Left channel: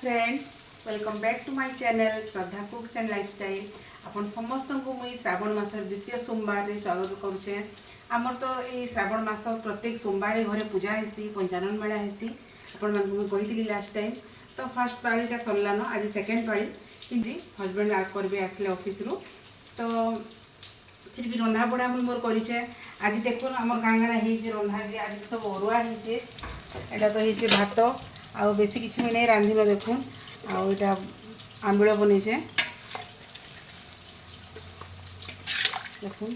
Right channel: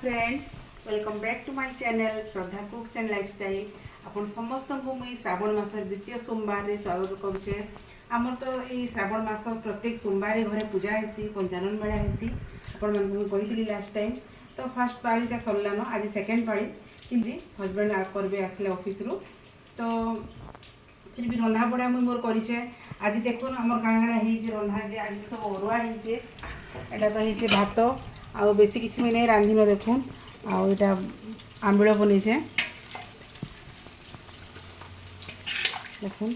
Friends welcome back to my channel Shraddha cooks and lifestyle. आपन समस्त को मुई श्रावण मास द्वितीय सोमवार रे स्वागत करुचे। आमर तो ये श्रावण मास प्रत्येक सोमवार घरे पूजा हेसी पंचानन मेला हेसी। आपण मन मुई कहितली लास्ट टाइम तो फर्स्ट पाळीटा सरलानो आज सेकंड पाळी जी हस्बैंड आ करबे आसले ऑफिस रो तो फिर भी रंधा बड़ा मुई मोर करिचे। आज देखो आमर गांगणा हेजे रंधा जे आज सब अरुआ हेजे एटा तो हेजे भात आ बेसी किसी भी नहीं रांधि न देखुन आटा आंबिल बनईचे देखुन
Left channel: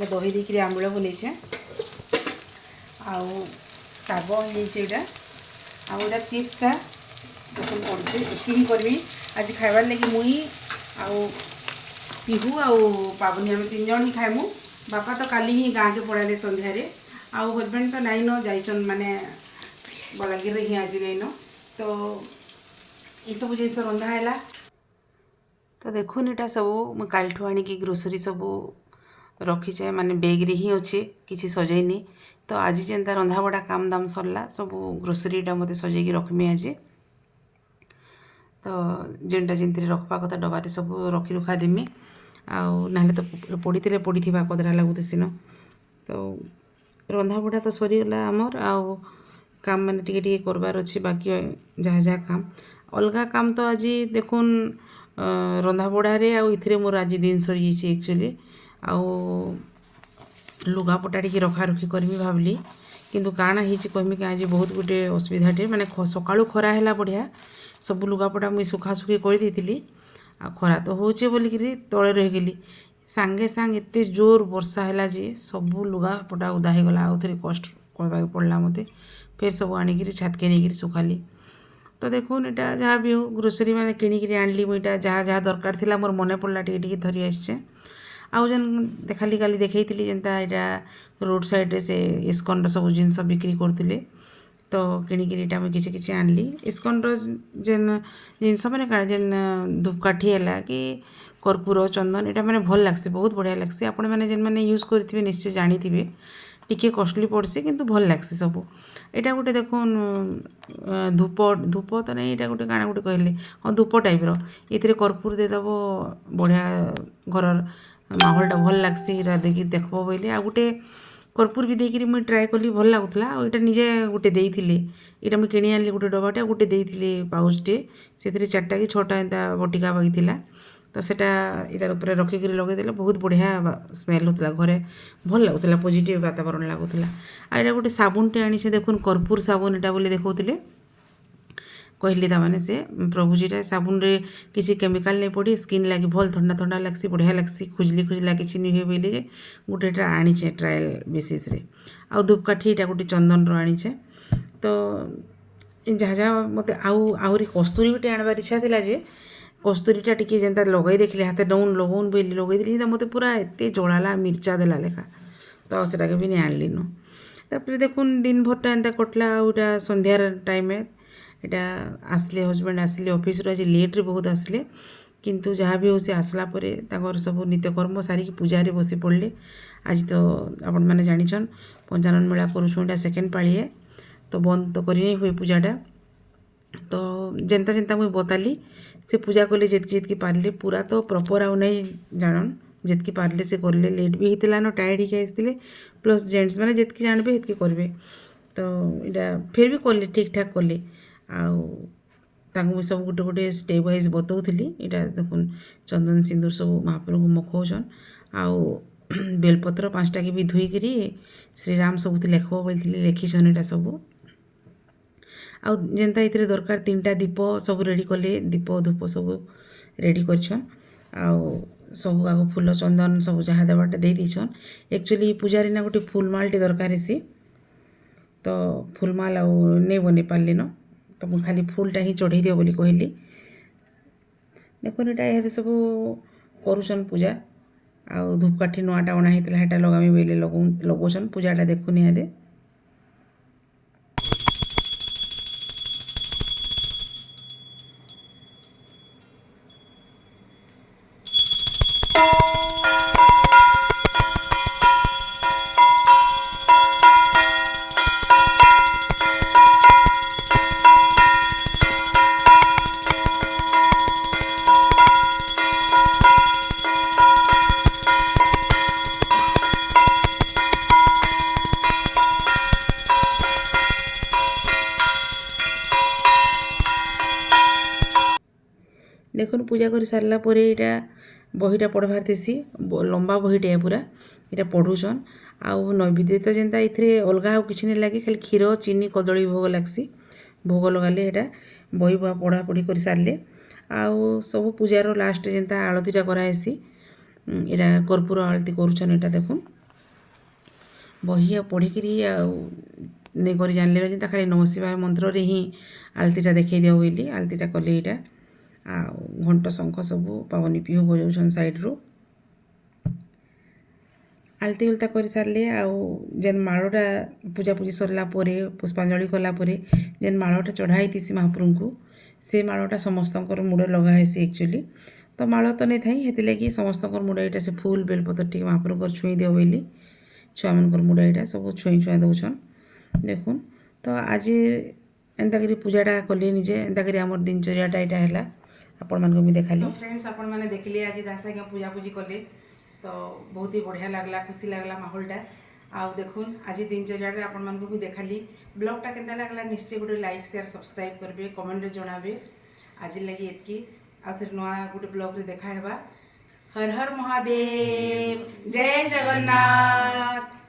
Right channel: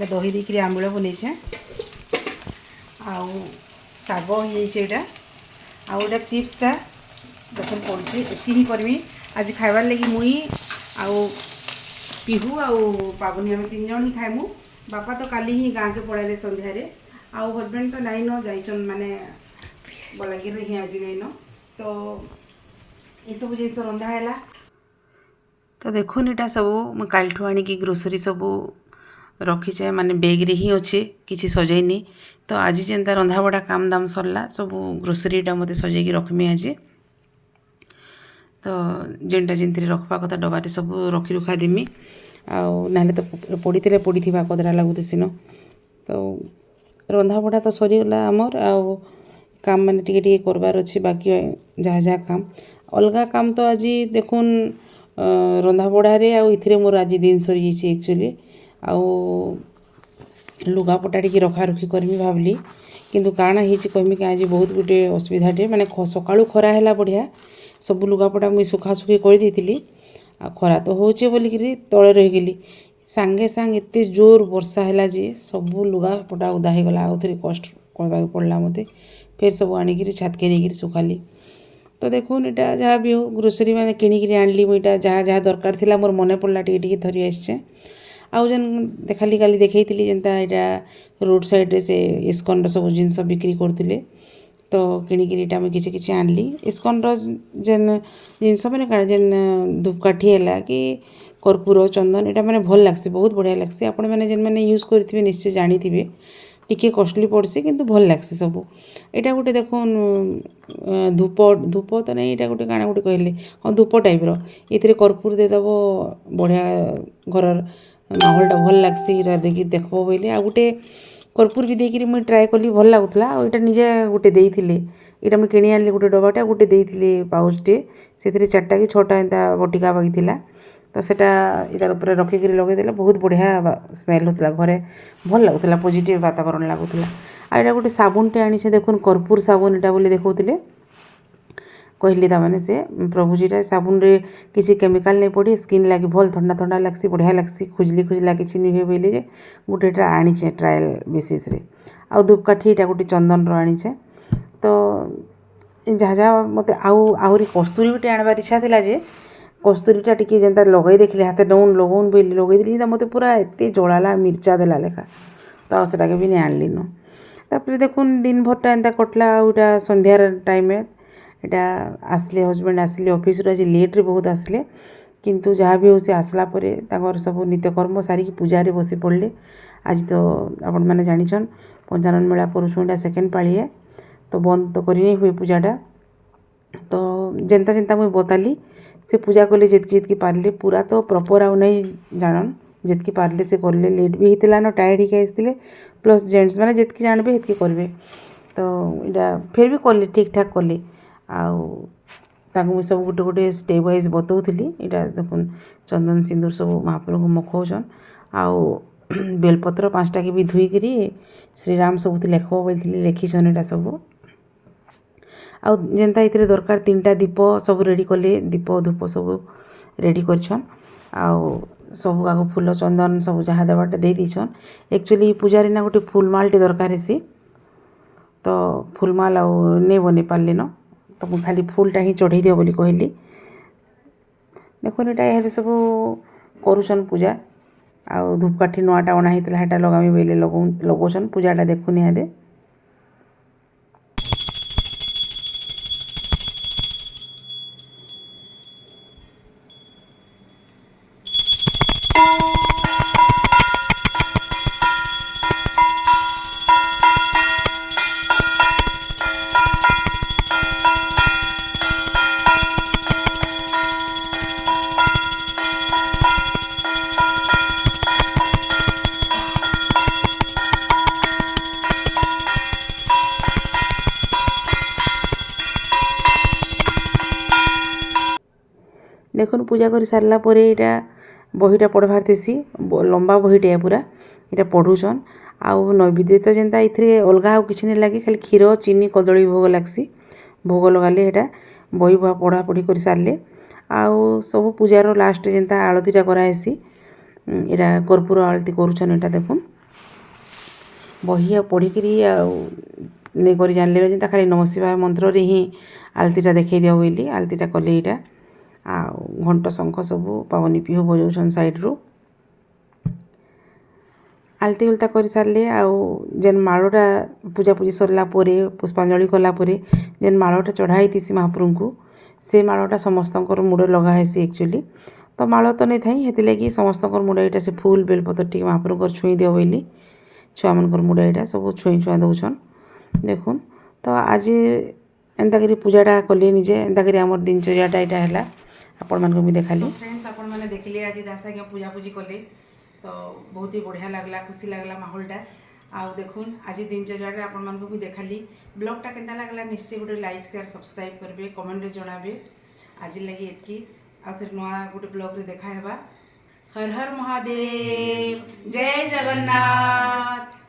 दही देकर आंबिल बनईचे आग होटा आटा चिप्सटा देखुन कर करमी आज खाइबार लगी मुई आउ पिहू आउ पाबनी आम तीन जन ही खाइमु। बापा तो काली ही गाँव के पड़ाले संध्यारे आउ हजबैंड तो नाइन जाइछन माने बलांगीर ही आज नहीं न तो ये सब जिन रंधा है तो देखुन इटा सब मुझे कालठू आनिकी ग्रोसरी सब रखीचे माने बेग रे ही अच्छे किसी सजैनी तो आज जेनता रंधा बड़ा काम दाम सरला सब ग्रोसरीटा मत सजैकी रखमी आज तो जेनटा जिनती रखवा कथा डबारे सब रखी रुखा देमी ना तो पड़ी पड़ी कदरा लगुत सीन तो रंधा बड़ा तो सरीगला आमर आउ काम मैंने टी करबार अच्छे बाकी जहाँ जहाँ काम अलगा काम तो आज देखुन रंधा बड़े आउ मोर आज दिन सरी एक्चुअली आउ लुगापटा टी रखा रखी करमी भावली किंतु काना होती कहमी कि आज बहुत गोटे असुविधाटे माने सकाळू खरा है बढ़िया सब लुगापटा मुई सुखासुखी कर देती आ खरा तो होचे बोलिकी तले रहीगली सांगे सांग एते जोर वर्षा है जे सब लुगापटा उदा हो गला आउ थे कष्ट करवा पड़ला मते फिर सब आनिकी छात के नहीं सुखाली तो देखुन इटा जहाँ भी हो ग्रोसरी मैंने किणिकी आनली मुईटा जहाँ जहाँ दरकार थी मोर मन पड़ला टी धरी आसचे आउ जेन देखाली काली देखई जेनता यहाँ रोड साइड रे से इस्कन सब जिनस बिक्री करते तो किणिकी मुझे किसी किसी आनली इस्कन जेन जिनस मैंने जेन धूपकाठी है कि कर्पूर चंदन यहाँ मैंने भल लगसी बहुत बढ़िया लगसी आपण मैंने जेन मैंने यूज करेंगे निश्चय जानी टिके कॉस्टली पड़सी किंतु भल लगसी सब यहाँ गोटे देखुन धूप धूप तो नहीं यहाँ गोटे काना गोटे कहले हाँ धूप टाइप रे कर्पूर देदेव बढ़िया घर माहौलटा भल लगसी देखिए देखब बोले आ गोटे कर्पूर भी देकर मुझे ट्राए कली भल लगुला और निजे गोटे देइथिले यहाँ मुझे किणी आनी गोटे डबाटा गोटे देइथिले पाउचटे से चार्टा कि छटा एंता बटिका बागिला तो सेटा इतार ऊपर रखिक लगेदेला बहुत बढ़िया स्मेल होता घरे भल लगुला पॉजिटिव वातावरण लगुला आ यहाँ गोटे साबुनटे आनी देखुन कर्पूर साबुन यहाँ बोली देखते कहली ताने से प्रभुजीटा साबुन रे किसी केमिकल नहीं पड़ी स्किन लगी भल ठंडा ठंडा लगसी बढ़िया लगसी खुजली खुजला किसी नहीं हुए बोले गोटेटा आनीचे ट्रायल बेसीस रे आउ धूपकाठी यहाँ गोटे चंदन आनीचे तो जहाँ जहाँ मत आहरी कस्तूरी भी आनबार इच्छा थी जे कस्तूरीटा टी जेनता लगे देखिले हाथ नौन लगौन बोली लगेदी मत पूरा एत जड़ाला मिर्चा देला लेखा तो सेटा भी नहीं आनली न तापर देखुन दिन भरटा एंता कटला आउटा संध्यार टाइम यहाँ आसले हजबैंड आसले ऑफिस आज लेट रे बहुत आसले किंतु जहाँ भी हो सी आसला परे सब नित्यकर्म सारिकी पूजा बसी पड़े आज तो आपण मैंने जानिछन पंचानन मेला करुछुं सेकेंड पाली है तो बंद तो करी नहीं हुए पूजाटा तो जेनता जेनता मुझे बताली से पूजा कले जितकी पार्ले पूरा तो प्रॉपर आउ नहीं जानन जितकी पार्ले से करले लेट भी होता न टायर्ड ही आसते प्लस जेंट्स मैंने जितकी जानबे हेतकी करेंगे तो यहाँ फिर भी कले ठीक ठाक कले आउ सब गोटे गोटे स्टेप वाइज बताऊली यहाँ देखुन चंदन सिंदूर सब महाप्रभु को मखौन आउ बेलपत्र 5टा के भी धोईकरी श्रीराम सब लेख बोली लिखीछन यहाँ सब आउ जेनता इतरे दरकार 3टा दीप सब रेडी कले दीप धूप सब रेडी करछन आउ सब आग फूल चंदन सब जहाँ देवाटा दे दीछन एक्चुअली पूजारी ना गोटे फूलमालटे दरकार हेसी तो फूलमाल आउ नहीं बनी पार्ली न तो मुझे खाली फूलटा ही चढ़ई दियो बोली कहली देखो यहाँ सब करुछन पूजा आउ धूपकाठी नुआटा अणा होता लगामी बोले लगौन पूजाटा देखुन यहाँ देखुन पूजा कर सारला परे इटा बहीटा पढ़बार थेसी लंबा बहीटे पूरा इटा पढ़ुछन आउ नैवेद्य तो जेनता इथरे अलगा आउ किछि नै लागे खाली क्षीर चीनी कदली भोग लागसी भोग लगाले हेटा बही बुआ पढ़ा पढ़ी कर सारले आउ सब पूजार लास्ट जेनता आळतीटा कराहेसी इटा कर्पूर आळती करूछन इटा देखुन बही पढ़िकी नहीं कर जानले जेनता खाली नमः शिवाय मंत्र रे ही आलतीटा देखै दियो बोली आलतीटा कले इटा आ घंट शंख सब पावनी पिहो बजाउछन साइड रो आलती उलता कर सारले आउ जेन माळटा पूजा पूजी सरला परे पुष्पांजलि कला परे जेन माळटा चढ़ाई थिसी महाप्रभु को से माळटा समस्तकर मुड़ लगा हेसी एक्चुअली तो माळ तो नहीं थाई हेति लगी समस्तकर मुड़ इटा से फूल बेलपत्र टी महाप्रभु छुई दियो बोली छुआ मनकर मुड़ इटा सब छुई छुआ दउछन देखुन तो आज एंता करी पूजाटा कले निजे एंता करी हमर दिनचर्याटा इटा हैला आपण मानको मी देखाली फ्रेंड्स आपण माने देखले आज दासा के पूजा पूजी कले तो बहुत ही बढ़िया लागला खुशी लागला माहौलटा आ देखुन आज दिनचर्याटा आपण मानको भी देखाली ब्लॉगटा केनता लागला निश्चय गोटे लाइक शेयर सब्सक्राइब करबे कमेंट रे जणाबे आज लगी एतकी आ फिर नवा गोटे ब्लॉग रे देखा हेबा हर हर महादेव जय जगन्नाथ।